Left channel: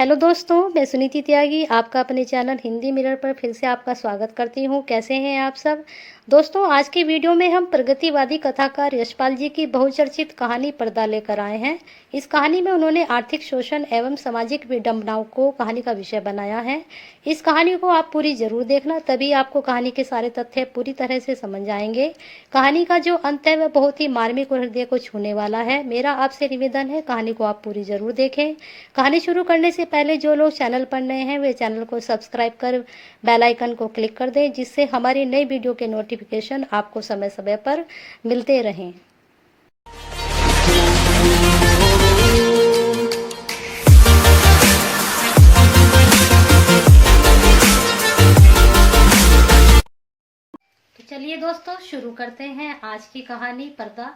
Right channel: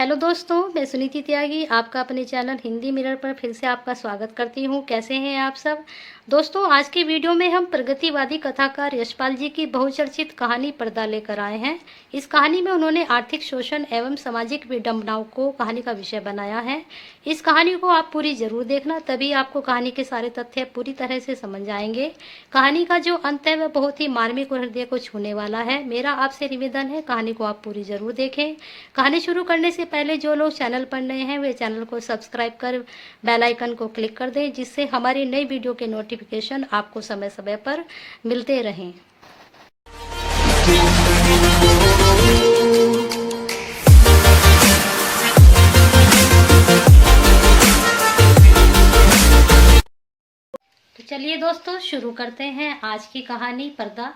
Hello दोस्तों, मैं सुनीति त्यागी आपका अपने चैनल हिंदी मिरर पर फिर से आपका स्वागत करती हूँ। कैसे हैं आप सब दोस्तों? आज की वीडियो में हम प्रगतिवादी कथाकार यशपाल जी की बहुचर्चित कहानी पर्दा लेकर आए हैं। इस कहानी में उन्होंने आर्थिक शोषण एवं सामाजिक विडंबनाओं को कहानी का विषय बनाया है। इस कहानी को आप पूरी जरूर देखना, तभी आपको कहानी के सारे तथ्य पूरी तरह से समझ आएंगे। कहानी का जो अंत है वह बहुत ही मार्मिक और हृदय को छूने वाला है। मेरा आपसे निवेदन है, कहानी को आप पूरी जरूर देखें। कहानी शुरू करने से पहले जो लोग चैनल पर नए हैं वे चैनल को सब्सक्राइब कर बेल आइकन को क्लिक कर दें, जिससे हमारी नई वीडियो के नोटिफिकेशन आपको समय समय पर मिलते रहें। तो चलिए दोस्तों, शुरू करते हैं आज की कहानी पर्दा,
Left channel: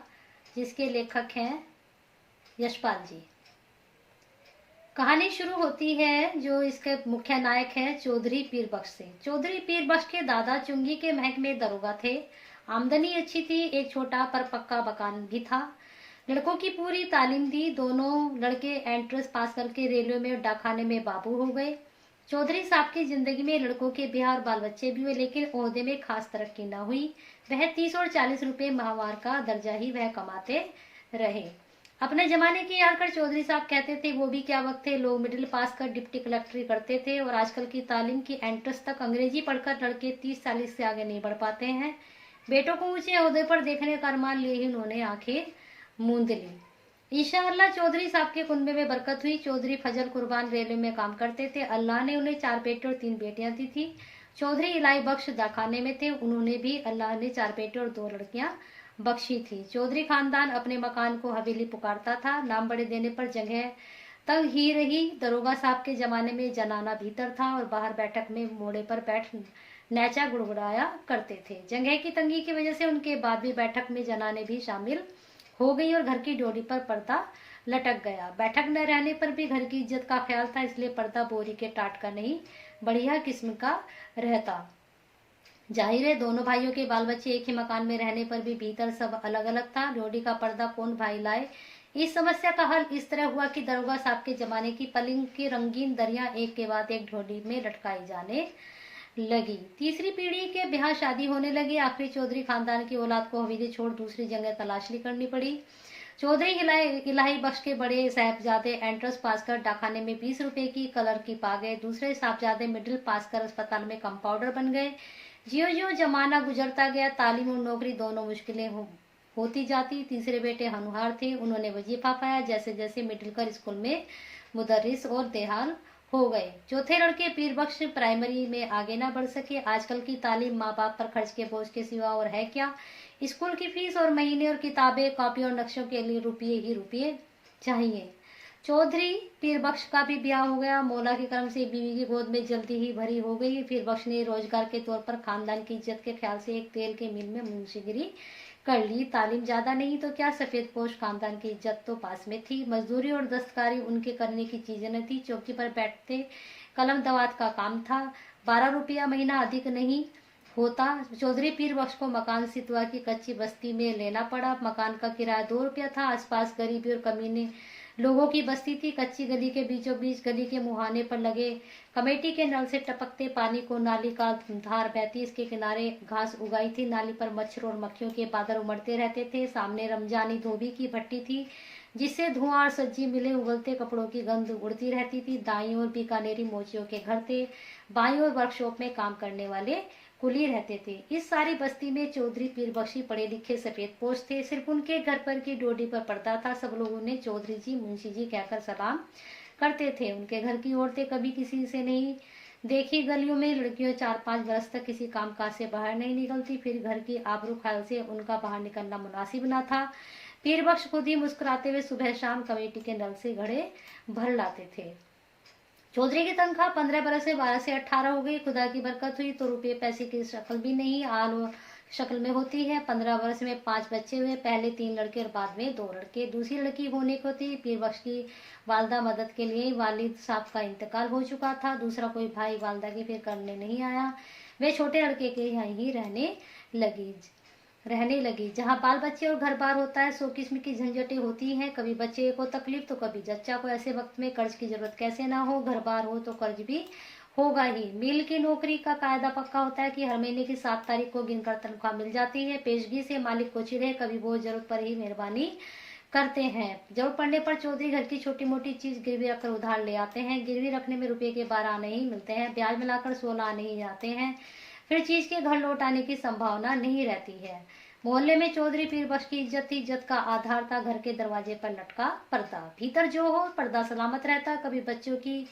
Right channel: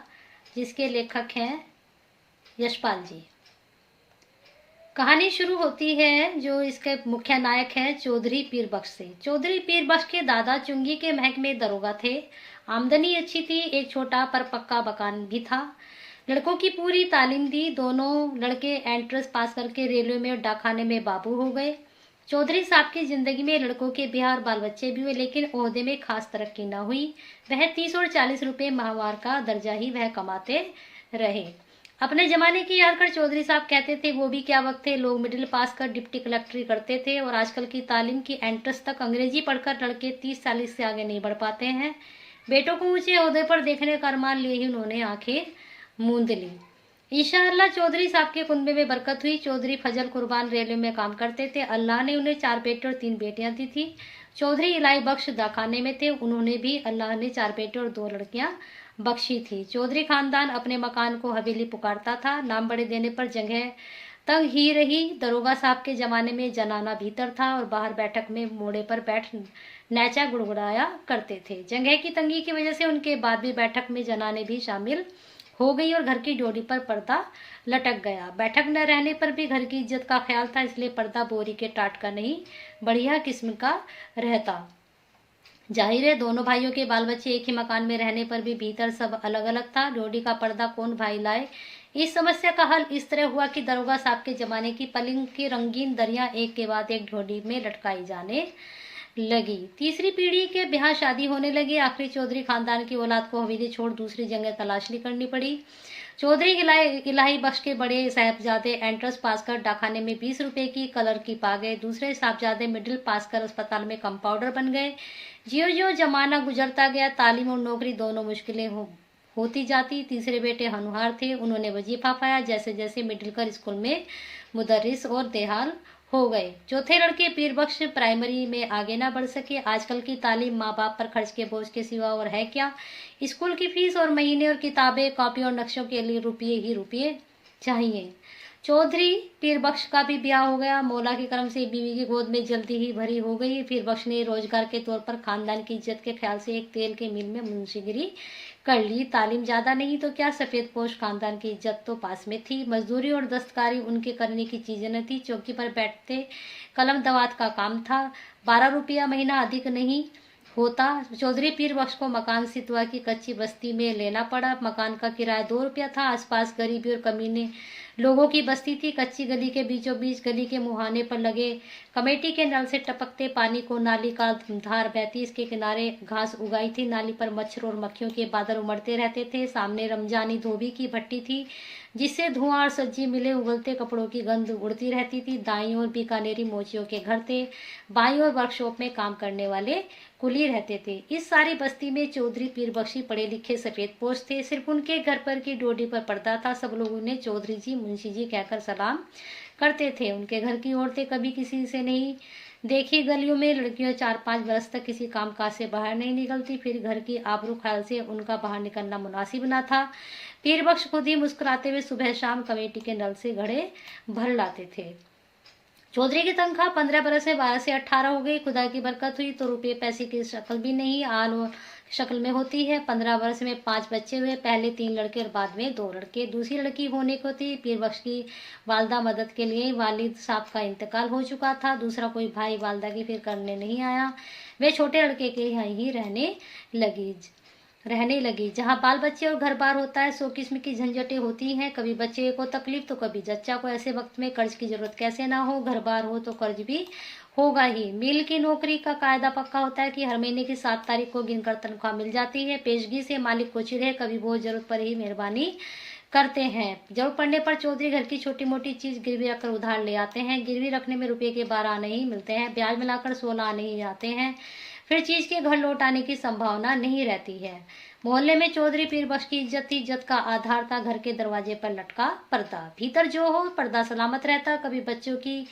जिसके लेखक हैं यशपाल जी। कहानी शुरू होती है जो इसके मुख्य नायक है चौधरी पीर बख्श से। चौधरी पीर बख्श के दादा चुंगी के महक में दरोगा थे। आमदनी अच्छी थी, एक छोटा पर पक्का मकान भी था। लड़कों की पूरी तालीम दी। दोनों लड़के एंट्रेंस पास करके रेलवे में और डाकखाने में बाबू हो गए। चौधरी साहब की जिंदगी में लड़कों के बिहार बाल बच्चे भी हुए, लेकिन ओहदे में खास तरक्की न हुई। वह 30 और 40 रुपए माहवार का दर्जा ही वह कमाते रहे। अपने जमाने की याद कर चौधरी साहब कहते थे, वो भी क्या वक्त थे। लोग मिडिल पास कर डिप्टी कलेक्टरी करते थे, और आजकल की तालीम की एंट्रेंस तक अंग्रेजी पढ़कर लड़के 30-40 से आगे नहीं बढ़ पाते हैं। बेटों को ऊंचे ओहदे पर देखने का अरमान लिए ही उन्होंने आंखें मूंद ली। इंशाअल्लाह चौधरी साहब के कुनबे में बरकत हुई। चौधरी फजल कुर्बान रेलवे में काम करते थे। अल्लाह ने उन्हें 4 बेटे और 3 बेटियां दी थी। चौधरी इलाही बख्श दाखाने में थे। उन्होंने भी अल्लाह ने 4 बेटे और 2 लड़कियां बख्शी थी। चौधरी खानदान अपने मकान को हवेली पुकारता था। नाम बड़े देने पर जगह तंग ही रही। दरोगा साहब के जमाने में जनाना भीतर था और बाहर बैठक में मोड़े पर बैठ नैचा गुड़गुड़ाया करते थे। जगह की तंगी की वजह से उनके बाद भी बैठक में जनाने भी शामिल हो गई और घर की डोरी पर पर्दा लटक गया। बैठक न रहने पर भी घर की इज्जत का ख्याल था, इसलिए पर्दा बोरी के टाट का नहीं, बढ़िया किस्म का रहता। जाहिर है दोनों भाइयों के बाल बच्चे एक ही मकान में रहने पर भी भीतर सब अलग अलग था। डोडी का पर्दा कौन भाई लाए? इस समस्या का हल इस तरह हुआ कि दरोगा साहब के जमाने की पलंग की रंगीन दरिया एक के बाद एक डोडी में लटकाई जाने लगी। तीसरी पीढ़ी के ब्याह शादी होने लगे। आखिरी चौधरी खानदान की औलाद को हवेली छोड़ दूसरी जगह तलाशी करनी पड़ी। चौधरी इलाही बख्श के बड़े साहबजादे एंट्रेंस पास कर डाकखाने में 20 रुपए की कलर की पा गए। दूसरे साहबजादे मिडिल पास कर अस्पताल में कंपाउंडर बन गए। ज्यों ज्यों जमाना गुजरता गया, तालीम और नौकरी दोनों मुश्किलें होती जाती। तीसरे बेटे हनुहार थे। उन्होंने वजीफा पाया। जैसे जैसे मिडिल कर स्कूल में मुदर्रिस और देहाल हो गए। चौथे लड़के पीर बख्श प्राइमरी में आगे ना बढ़ सके। आजकल की तालीम माँ बाप पर खर्च के बोझ के सिवा और है क्या? स्कूल की फीस और महीने और किताबें, कॉपी और नक्शों के लिए रुपये ही रुपये चाहिए। चौधरी पीर बख्श का भी ब्याह हो गया। मौला के करम से बीवी की गोद में जल्दी ही भरी हो गई। पीर बख्श ने रोजगार के तौर पर खानदान की इज्जत के ख्याल से एक तेल के मिल में मुंशीगिरी कर ली। तालीम ज्यादा नहीं तो क्या, सफेद पोश खानदान की इज्जत तो पास में थी। मजदूरी और दस्तकारी उनके करने की चीजें न थी। चौकी पर बैठते कलम दवात का काम था। 12 रुपया महीना अधिक नहीं होता। चौधरी पीर बख्श को मकान सितवा की कच्ची बस्ती में लेना पड़ा। मकान का किराया 2 रुपया था। आसपास गरीबी और कमीने लोगों की बस्ती थी। कच्ची गली के बीचों बीच गली के मुहाने पर लगे कमेटी के नल से टपकते पानी को नाली का धार बहती, इसके किनारे घास उगाई थी। नाली पर मच्छर और मक्खियों के बादल उमड़ते रहते थे। सामने रमजानी धोबी की भट्टी थी, जिससे धुआं और सज्जी मिले उगलते कपड़ों की गंध उड़ती रहती थी। दाईं ओर बीकानेरी मोचियों के घर थे। बाईं ओर वर्कशॉप में काम करने वाले कुली रहते थे। इस सारी बस्ती में चौधरी पीर बख्शी पढ़े लिखे सफेद पोश थे। सिर्फ उनके घर पर की डोडी पर पड़ता था। सब लोग उन्हें चौधरी जी, मुंशी जी कहकर सलाम करते थे। उनके घर की औरतें कभी किसी से नहीं देखी। गलियों में लड़कियों 4-5 बरस तक किसी कामकाज से बाहर नहीं निकलती। फिर घर की आबरू ख्याल से उनका बाहर निकलना मुनासिब न था। पीर बख्श खुद ही मुस्कुराते हुए सुबह शाम कमेटी के नल से घड़े भर लाते थे। चौधरी की तनख्वाह 15 बरस में 12 से 18 हो गई। खुदा की बरकत हुई तो रुपये पैसे की शक्ल भी नहीं, आल शक्ल में होती है। 15 बरस में 5 बच्चे हुए। पहले 3 लड़के और बाद में 2 लड़के। दूसरी लड़की होने को थी। पीर बख्श की वालदा मदद के लिए वालिद साहब का इंतकाल हो चुका था। दूसरा कोई भाई वालदा की फिर करने नहीं आया। वे छोटे लड़के के यहाँ ही रहने लगी। रहने लगी। जहाँ बाल बच्चे और घर बार होता है, सौ किस्म की झंझटें होती हैं। कभी बच्चे को तकलीफ तो कभी जच्चा को। ऐसे वक्त में कर्ज की जरूरत कैसे ना हो, घर बार हो तो कर्ज भी होगा ही। मिल की नौकरी का कायदा पक्का होता है कि हर महीने की 7 तारीख को गिनकर तनख्वाह मिल जाती है। पेशगी से मालिक को चिढ़े, कभी वो जरूरत पर ही मेहरबानी करते हैं। जरूरत पड़ने पर चौधरी घर की छोटी मोटी चीज गिरवी रखकर उधार ले आते हैं। गिरवी रखने में रुपए के 12 आने ही मिलते हैं, ब्याज मिलाकर 16 आने ही आते हैं। फिर चीज के घर लौट आने की संभावना नहीं रहती है। मोहल्ले में चौधरी पीर बख्श की इज्जत थी। इज्जत का आधार था घर के दरवाजे पर लटका पर्दा। भीतर जो हो पर्दा सलामत रहता। कभी बच्चों की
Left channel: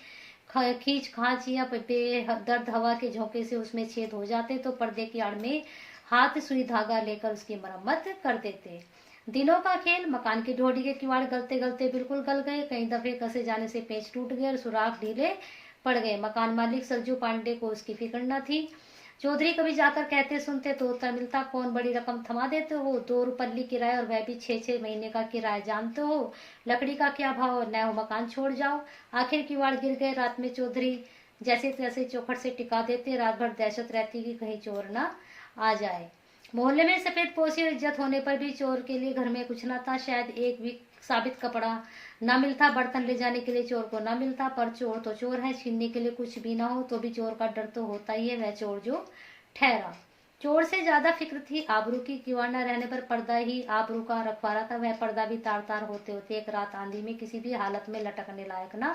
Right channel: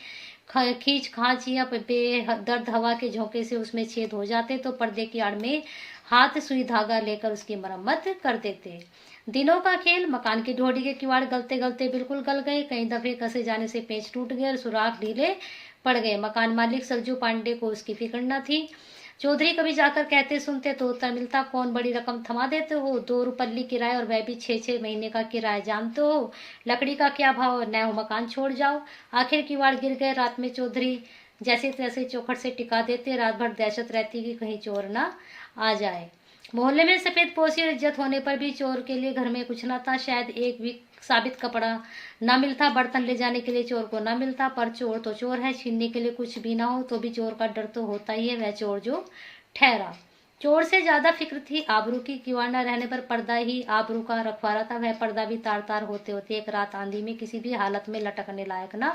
खींच खांच या बेदर्द हवा के झोंके से उसमें छेद हो जाते तो पर्दे की आड़ में हाथ सुई धागा लेकर उसकी मरम्मत कर देते। दिनों का खेल। मकान की ढोडी के किवाड़ गलते गलते बिल्कुल गल गए। कई दफे कसे जाने से पेच टूट गए और सुराख ढीले पड़ गए। मकान मालिक सरजू पांडे को उसकी फिक्र न थी। चौधरी कभी जाकर कहते सुनते तो उत्तर मिलता, कौन बड़ी रकम थमा देते हो, 2 रुपल्ली किराया और वह भी 6-6 महीने का किराया जानते हो, लकड़ी का क्या भाव, न हो मकान छोड़ जाओ। आखिर किवाड़ गिर गए। रात में चौधरी जैसे तैसे चौखट से टिका देते। रात भर दहशत रहती कि कहीं चोर ना आ जाए। मोहल्ले में सफेद पोशी और इज्जत होने पर भी चोर के लिए घर में कुछ न था। शायद एक भी साबित कपड़ा न मिलता, बर्तन ले जाने के लिए चोर को न मिलता। पर चोर तो चोर है, छीनने के लिए कुछ भी ना हो तो भी चोर का डर तो होता ही है। वह चोर जो ठहरा। चोर से ज्यादा फिक्र थी आबरू की। किवाड़ न रहने पर पर्दा ही आबरू का रखवाला था। वह पर्दा भी तार तार होते होते एक रात आंधी में किसी भी हालत में लटकने लायक न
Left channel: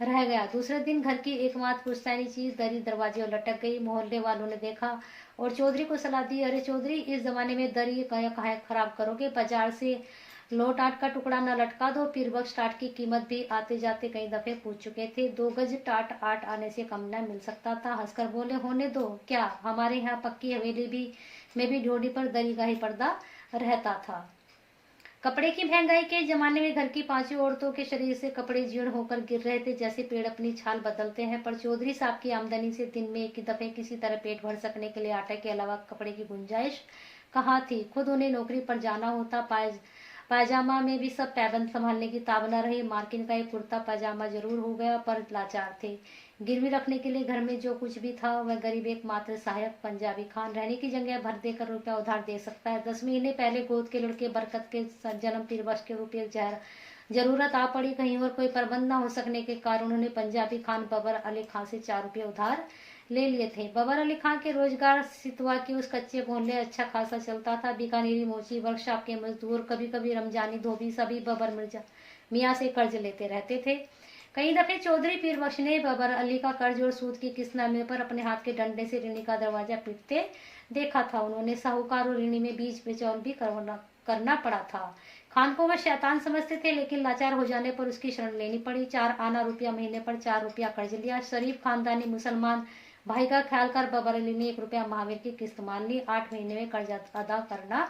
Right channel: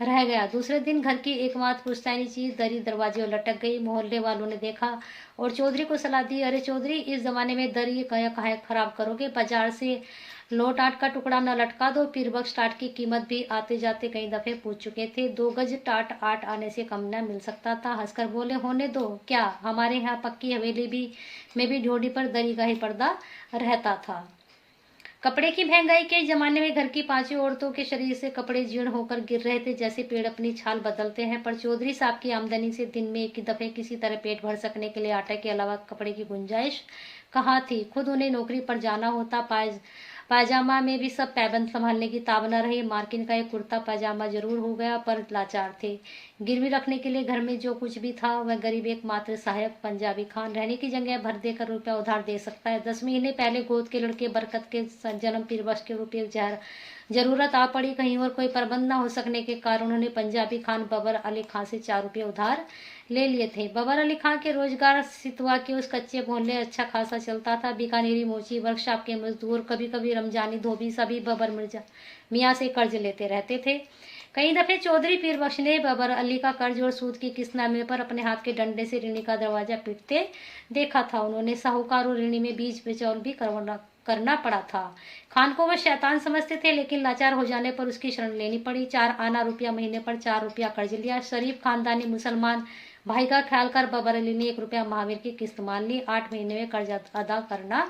रह गया। दूसरे दिन घर की एकमात्र पुश्तैनी चीज दरी दरवाजे और लटक गई। मोहल्ले वालों ने देखा और चौधरी को सलाह दी, अरे चौधरी, इस जमाने में दरी कहे खराब करोगे, बाजार से लोट आट का टुकड़ा न लटका दो। पीर बख्श टाट की कीमत भी आते जाते कई दफे पूछ चुके थे। 2 गज टाट 8 आने से कम न मिल सकता था। हंसकर बोले, होने दो, क्या हमारे यहाँ पक्की हवेली भी में भी ढोडी पर दरी का ही पर्दा रहता था। कपड़े की महंगाई के जमाने में घर की 5 औरतों के शरीर से कपड़े जीर्ण होकर गिर रहे थे, जैसे पेड़ अपनी छाल बदलते हैं। पर चौधरी साहब की आमदनी से दिन में एक दफे किसी तरह पेट भर सकने के लिए आटे के अलावा कपड़े की गुंजाइश कहाँ थी। खुद उन्हें नौकरी पर जाना होता। पायजामा में भी सब पैबंद संभालने की ताब न रही। मार्किन का एक कुर्ता पायजामा जरूर हो गया, पर लाचार थे। गिरवी रखने के लिए घर में जो कुछ भी था वह गरीब एक मात्र सहायक पंजाबी खान रहने की जगह भर देकर रुपया उधार दे सकता है। 10 महीने पहले गोद के लड़के बरकत के जन्म पीर बख्श के रुपये जरूरत आ पड़ी। कहीं और कोई प्रबंध न हो सकने के कारण उन्होंने पंजाबी खान बबर अली खान से 4 रुपये उधार ले लिए थे। बबर अली खान के रोजगार सितवा के उस कच्चे मोहल्ले अच्छा खासा चलता था। बीकानेरी मोची वर्कशॉप के मजदूर, कभी कभी रमजानी धोबी, सभी बबर मिर्जा मियाँ से कर्ज लेते रहते थे। कई दफे चौधरी पीर बख्श ने बबर अली का कर्ज और सूद की किस्त न मिलने पर अपने हाथ के डंडे से ऋणी का दरवाजा पीटते देखा था। उन्होंने साहूकार और ऋणी में बीच बिचौल भी करना पड़ा था। खान को वह शैतान समझते थे, लेकिन लाचार हो जाने पर उसकी शरण लेनी पड़ी। 4 आना रुपया महीने पर 4 रुपया कर्ज लिया। शरीफ खानदानी मुसलमान भाई का ख्याल कर बबर अली ने 1 रुपया महावीर की किस्त मान ली। 8 महीने में कर्ज अदा करना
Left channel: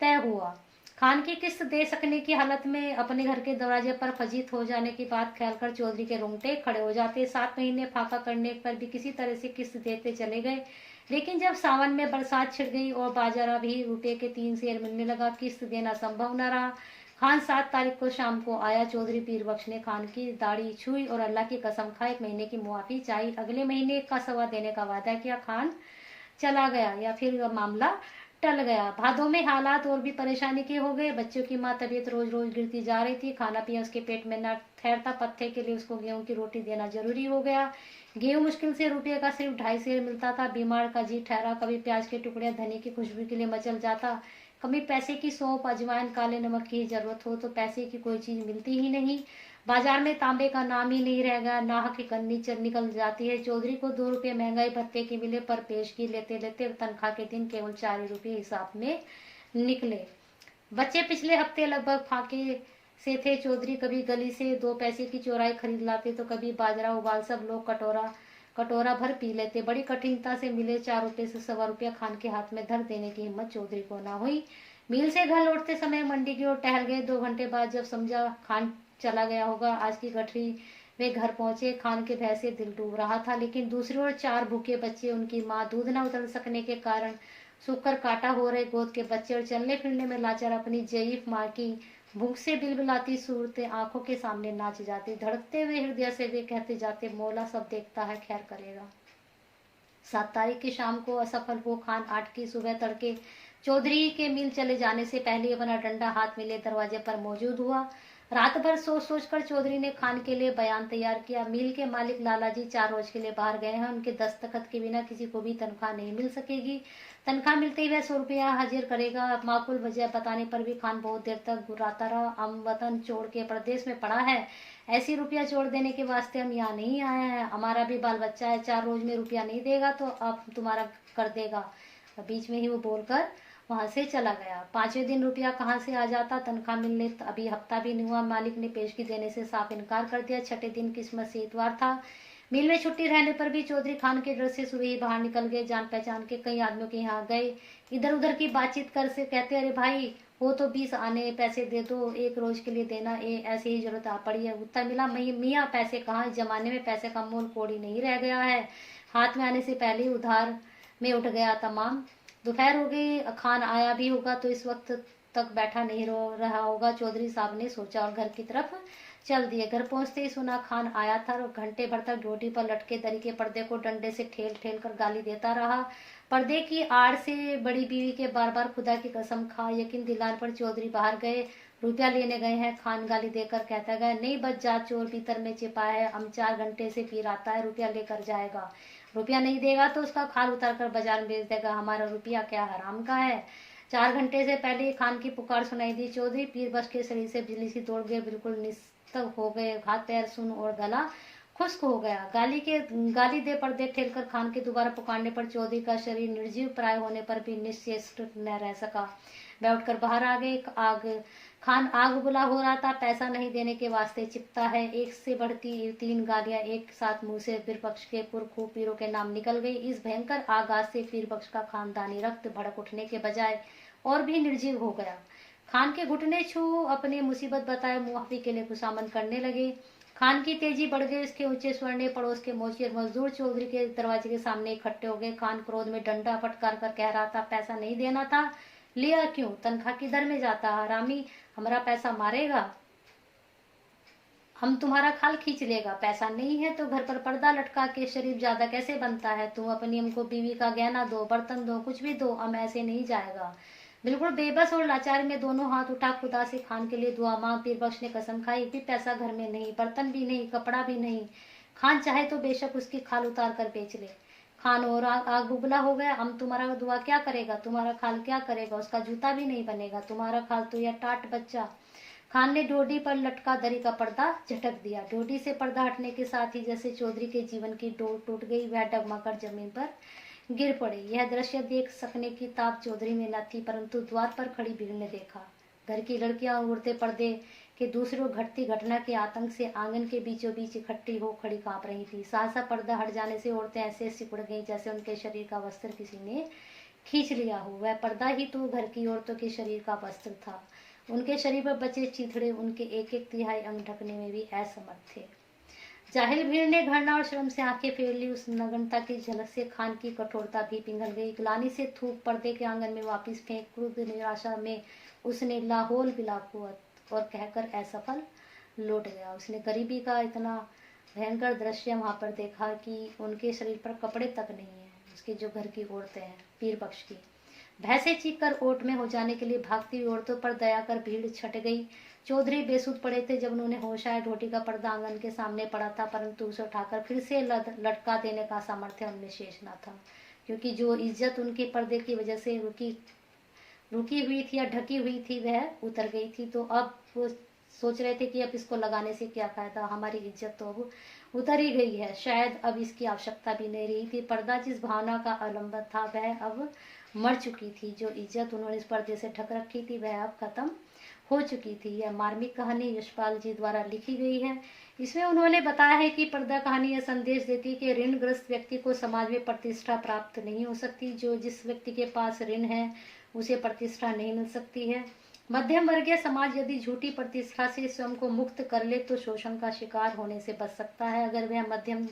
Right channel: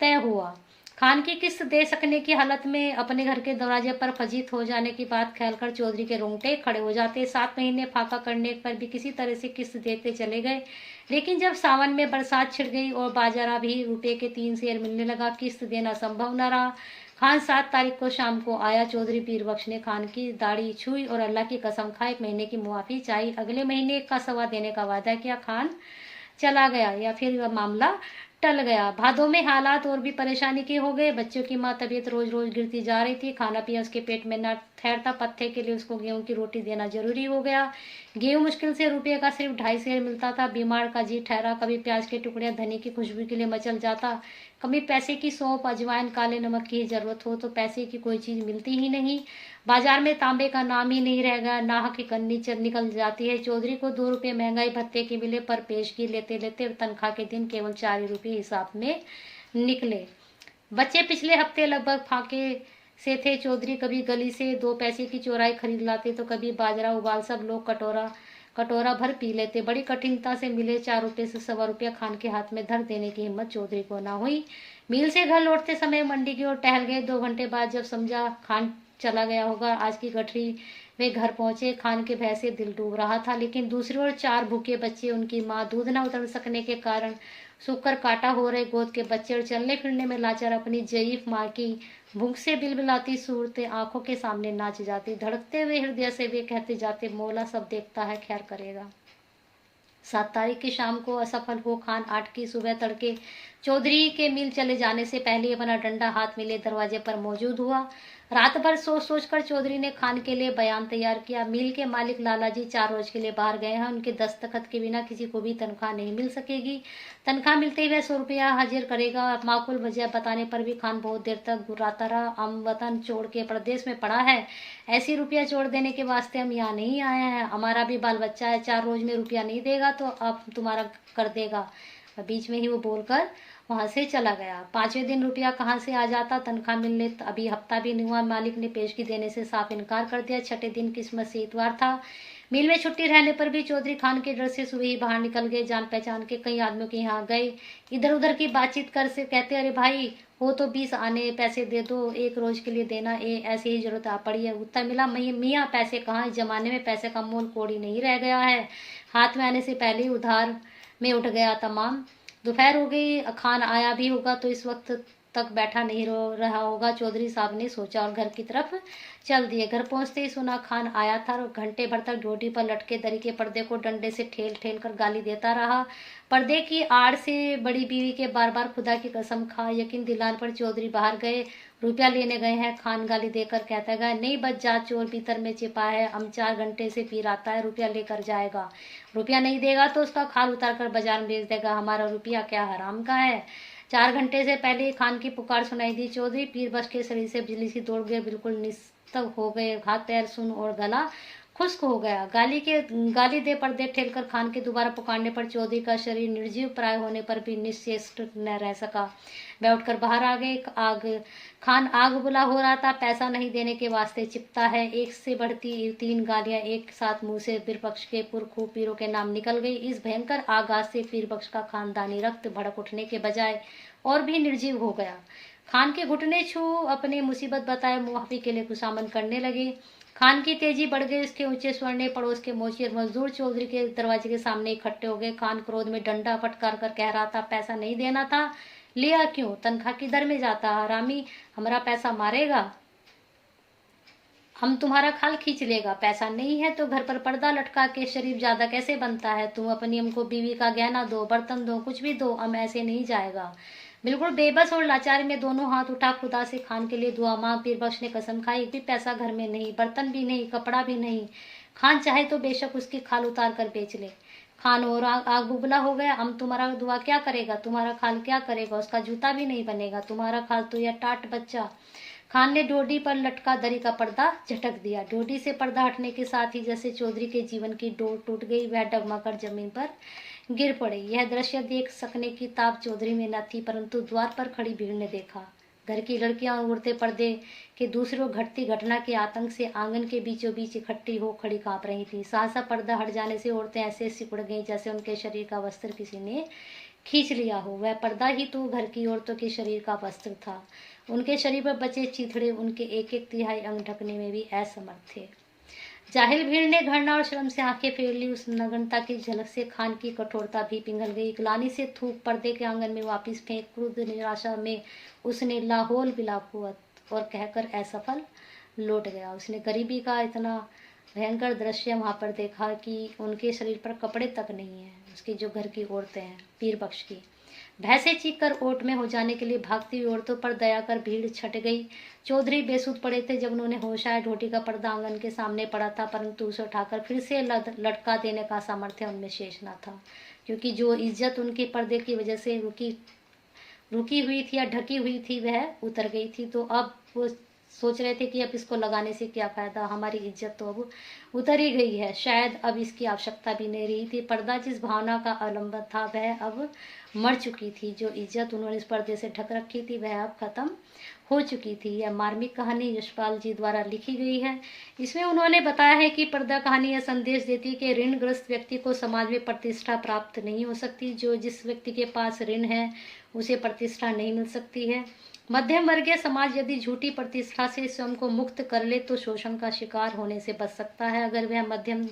तय हुआ। खान की किस्त दे सकने की हालत में अपने घर के दरवाजे पर फजीत हो जाने की बात ख्याल कर चौधरी के रोंगटे खड़े हो जाते। 7 महीने फाका करने पर भी किसी तरह से किस्त देते चले गए, लेकिन जब सावन में बरसात छिड़ गई और बाजारा भी रुपए के 3 शेर मिलने लगा, किस्त देना संभव न रहा। खान 7 तारीख को शाम को आया। चौधरी पीर बख्श ने खान की दाढ़ी छुई और अल्लाह की कसम खा 1 महीने की मुआफी चाहिए। अगले महीने 1 का सवा देने का वादा किया। खान चला गया या फिर वह मामला टल गया। भादों में हालात और भी परेशानी के हो गए। बच्चों की माँ तबीयत रोज रोज गिरती जा रही थी। खाना पिया उसके पेट में न ठहरता। पत्ते के लिए उसको गेहूं की रोटी देना जरूरी हो गया। गेहूं मुश्किल से रुपये का सिर्फ 2.5 शेर मिलता था। बीमार का जी ठहरा। कभी प्याज के टुकड़े धनी की खुशबू के लिए मचल जाता, कभी पैसे की सौंफ अजवाइन काले नमक की जरूरत हो तो पैसे की कोई चीज मिलती ही नहीं। बाजार में तांबे का नाम ही नहीं रहेगा। नाहक की कन्नी निकल जाती है। चौधरी को 2 रुपये महंगाई भत्ते के मिले, पर पेशगी लेते लेते तनख्वाह के दिन केवल 4 ही रुपये हिसाब में निकले। बच्चे पिछले हफ्ते लगभग फाके से थे। चौधरी कभी गली से 2 पैसे की चौराई खरीद लाते तो कभी बाजरा उबाल सब लोग कटोरा भर पी लेते। बड़ी कठिनता से मिले 4 रुपये से सवा रुपया खान के हाथ में धर देने की हिम्मत चौधरी को ना हुई। मिल से घर लौटते समय मंडी की ओर टहल गए। 2 घंटे बाद जब समझा खान चला गया होगा, आज की गठरी वे घर पहुंचे। खान के भय से दिल डूब रहा था, लेकिन दूसरी ओर 4 भूखे बच्चे, उनकी माँ दूध न उतर सकने के कारण सूखकर काटा हो रहे गोद के बच्चे और चलने फिरने में लाचार अपनी जयीफ माँ की भूख से बिलबिलाती सूरतें आंखों के सामने नाच जाती। धड़कते हुए हृदय से वे कहते जाते, मौला सब देखता है, ख्याल करेगा। 7 तारीख की शाम को असफल हो खान 8 की सुबह तड़के चौधरी के मिल चले जाने से पहले अपना डंडा हाथ में ले दरवाजे पर मौजूद हुआ। रात भर सोच सोच कर चौधरी ने खान के लिए बयान तैयार किया। मिल के मालिक लालाजी 4 रोज के लिए बाहर गए हैं, उनके दस्तखत के बिना किसी को भी तनख्वाह नहीं मिल सकेगी। तनख्वाह मिलते ही वह 100 रुपया हाजिर करेगा। माकूल वजह बताने पर भी खान बहुत देर तक घुराता रहा। हम वतन छोड़ के प्रदेश में पड़ा है, ऐसी रुपया छोड़ देने के वास्ते हम यहाँ नहीं आए हैं। हमारा भी बाल बच्चा है, 4 रोज में रुपया नहीं देगा तो अब तुम्हारा कर देगा। बीच में ही वो बोलकर वहां से चला गया। 5वें दिन रुपया कहाँ से आ जाता, तनख्वाह मिलने अभी हफ्ता भी नहीं हुआ। मालिक ने पेशगी देने से साफ इनकार कर दिया। 6ठे दिन किस्मत से इतवार था। मिल में छुट्टी रहने पर भी चौधरी खान के डर से सुबह ही बाहर निकल गए। जान पहचान के कई आदमियों के यहाँ गए, इधर उधर की बातचीत कर से कहते, अरे भाई हो तो 20 आने पैसे दे दो, 1 रोज के लिए देना, ऐसे ही जरूरत आ पड़ी है। उत्तर मिला, मियाँ पैसे कहाँ, जमाने में पैसे का मोल कोड़ी नहीं रह गया है, हाथ में आने से पहले ही उधार में उठ गया तमाम। दोपहर हो गई, खान आया भी होगा तो इस वक्त तक बैठा नहीं रहा होगा, चौधरी साहब ने सोचा और घर की तरफ चल दिए। घर पहुंचते ही सुना खान आया था और घंटे भर तक ड्यूटी पर लटके दरी के पर्दे को डंडे से ठेल ठेल कर गाली देता रहा। पर्दे की आड़ से बड़ी बीवी के बार बार खुदा की कसम खा यकीन दिलाने पर चौधरी बाहर गए, रुपया लेने गए हैं। खान गाली देकर कहता गया, नहीं बच जा, चोर भीतर में छिपा है, हम 4 घंटे से फिर आता है, रुपया लेकर जाएगा, रुपया नहीं देगा तो उसका खाल उतार कर बाजार में बेच देगा, हमारा रुपया क्या हराम का है। 4 घंटे से पहले खान की पुकार सुनाई दी। चौधरी पीर बख्श के शरीर से बिजली सी दौड़ गए, बिल्कुल निस्तक हो गए, हाथ पैर सुन और गला खुश्क हो गया। गाली दे पर्दे ठेल कर खान के दोबारा पुकारने पर चौधरी का शरीर निर्जीव प्राय होने पर भी निश्चेष्ट न रह सका। वह उठकर बाहर आ गए। खान आग बुला हो रहा था, पैसा नहीं देने के वास्ते चिपता है। एक से बढ़ती 3 गालियां एक साथ मुंह से पीरबख्श के पुरखू पीरों के नाम निकल गई। इस भयंकर आगाज से पीरबख्श का खानदानी रक्त भड़क उठने के बजाय और भी निर्जीव हो गया। खान के घुटने छू अपनी मुसीबत बताए मुआफी के लिए खुशामद करने लगे। खान की तेजी बढ़ गई, उसके ऊंचे स्वर ने पड़ोस के मोची और मजदूर चौधरी के दरवाजे के सामने इकट्ठे हो गए। खान क्रोध में डंडा फटकार कर कह रहा था, पैसा नहीं देना था, लिया क्यों, तनख्वाह किधर में जाता, हरामी हमारा पैसा मारेगा, हम तुम्हारा खाल खींच लेगा, पैसा नहीं है तो घर पर पर्दा लटका के शरीफ ज्यादा कैसे बनता है, तुम अपनी हमको बीवी का गहना दो, बर्तन दो, कुछ भी दो, हम ऐसे नहीं जाएगा। बिल्कुल बेबस और लाचारी में दोनों हाथ उठा खुदा से खान के लिए दुआ मांग। पीरबख्श ने कसम खाई, एक भी पैसा घर में नहीं, बर्तन भी नहीं, कपड़ा भी नहीं, खान चाहे तो बेशक उसकी खाल उतार कर बेच ले। खान और आग बुबला हो गया, हम तुम्हारा दुआ क्या करेगा, तुम्हारा खाल क्या करेगा, उसका जूता भी नहीं बनेगा, तुम्हारा खाल तो यह टाट बच्चा। खान ने डोडी पर लटका दरी का पर्दा झटक दिया। डोडी से पर्दा हटने के साथ ही जैसे चौधरी के जीवन की डोर टूट गई, वह डगमगाकर जमीन पर गिर पड़े। यह दृश्य देख सकने की ताब चौधरी में न थी, परंतु द्वार पर खड़ी भीड़ ने देखा। घर की लड़कियां और उड़ते पर्दे के दूसरी ओर घटती घटना के आतंक से आंगन के बीचों बीच इकट्ठी हो खड़ी कांप रही थी। सहसा पर्दा हट जाने से औरतें ऐसे सिकुड़ गईं जैसे उनके शरीर का वस्त्र किसी ने खींच लिया हो। वह पर्दा ही तो घर की औरतों के शरीर का वस्त्र था। उनके शरीर पर बचे चिथड़े उनके 1/3 अंग ढकने में भी असमर्थ थे। जाहिल भीड़ ने घृणा और शर्म से आंखें फेर ली। उस नग्नता की झलक से खान की कठोरता भी पिघल गई। ग्लानि से थूक पर्दे के आंगन में वापस फेंक क्रुद्ध निराशा में उसने लाहौल बिलाकुवत और कहकर असफल लौट गया। उसने गरीबी का इतना भयंकर दृश्य वहां पर देखा कि उनके शरीर पर कपड़े तक नहीं है। उसकी जो घर की औरतें हैं, पीरबख्श की, भैंसे चीख कर ओट में हो जाने के लिए भागती हुई औरतों पर दया कर भीड़ छट गई। चौधरी बेसुध पड़े थे। जब उन्होंने होश आया, ढोटी का पर्दा आंगन के सामने पड़ा था, परंतु उसे उठाकर फिर से लटका देने का सामर्थ्य उनमें शेष न था, क्योंकि जो इज्जत उनके पर्दे की वजह से रुकी हुई थी या ढकी हुई थी वह उतर गई थी। तो अब वो सोच रहे थे कि अब इसको लगाने से क्या फायदा, हमारी इज्जत तो अब उतर ही गई है, शायद अब इसकी आवश्यकता भी नहीं रही थी। पर्दा जिस भावना का अवलंबन था वह अब मर चुकी थी। जो इज्जत उन्होंने इस पर्दे से ढक रखी थी वह अब खत्म हो चुकी थी। यह मार्मिक कहानी यशपाल जी द्वारा लिखी गई है। इसमें उन्होंने बताया है कि पर्दा कहानी यह संदेश देती है कि ऋणग्रस्त व्यक्ति को समाज में प्रतिष्ठा प्राप्त नहीं हो सकती। जो जिस व्यक्ति के पास ऋण है उसे प्रतिष्ठा नहीं मिल सकती है। मध्यम वर्गीय समाज यदि झूठी प्रतिष्ठा से स्वयं को मुक्त कर ले तो शोषण का शिकार होने से बच सकता है। अगर वह मध्यम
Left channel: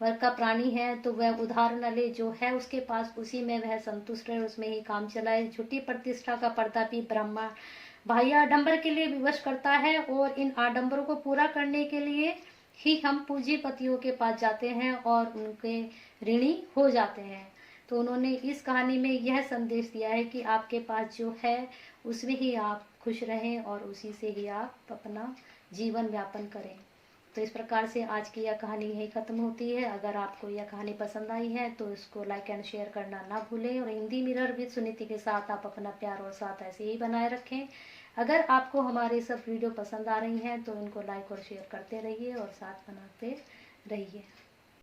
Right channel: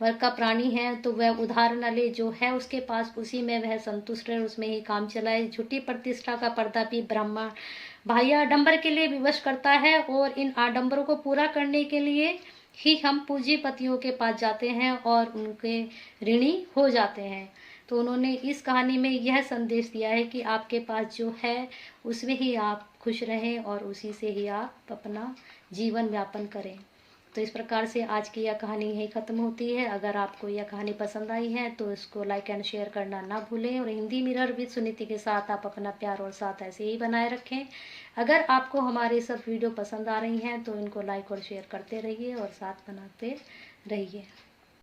वर्ग का प्राणी है तो वह उधार न ले, जो है उसके पास उसी में वह संतुष्ट रहे, उसमें ही काम चलाए। झूठी प्रतिष्ठा का पर्दा भी ब्राह्मण बाह्य आडंबर के लिए विवश करता है और इन आडंबरों को पूरा करने के लिए ही हम पूंजीपतियों के पास जाते हैं और उनके ऋणी हो जाते हैं। तो उन्होंने इस कहानी में यह संदेश दिया है कि आपके पास जो है उसमें ही आप खुश रहें और उसी से ही आप अपना जीवन यापन करें। तो इस प्रकार से आज की यह कहानी यही ख़त्म होती है। अगर आपको यह कहानी पसंद आई है तो इसको लाइक एंड शेयर करना ना भूलें, और हिंदी मिरर विद सुनीति के साथ आप अपना प्यार और साथ ऐसे ही बनाए रखें। अगर आपको हमारे सब वीडियो पसंद आ रही हैं तो इनको लाइक और शेयर करते रहिए और साथ बनाते रहिए।